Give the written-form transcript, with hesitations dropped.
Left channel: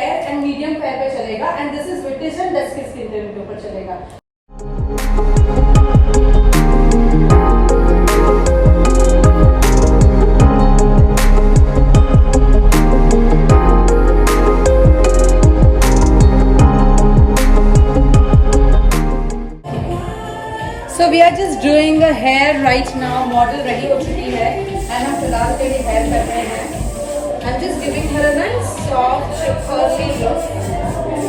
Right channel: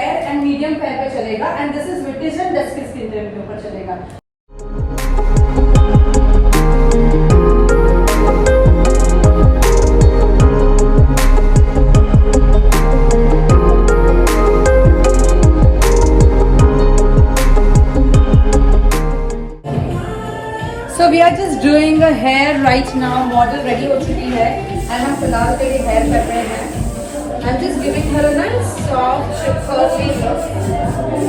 Fair and medium fair पे चलेगा and this is British and dusky skin tone के ऊपर चलेगा. So we are just doing a hair right now. Model ready हो चुकी है and हम फिलहाल के लिए hair कर रहे हैं. I'm just giving her a nice soft curly look.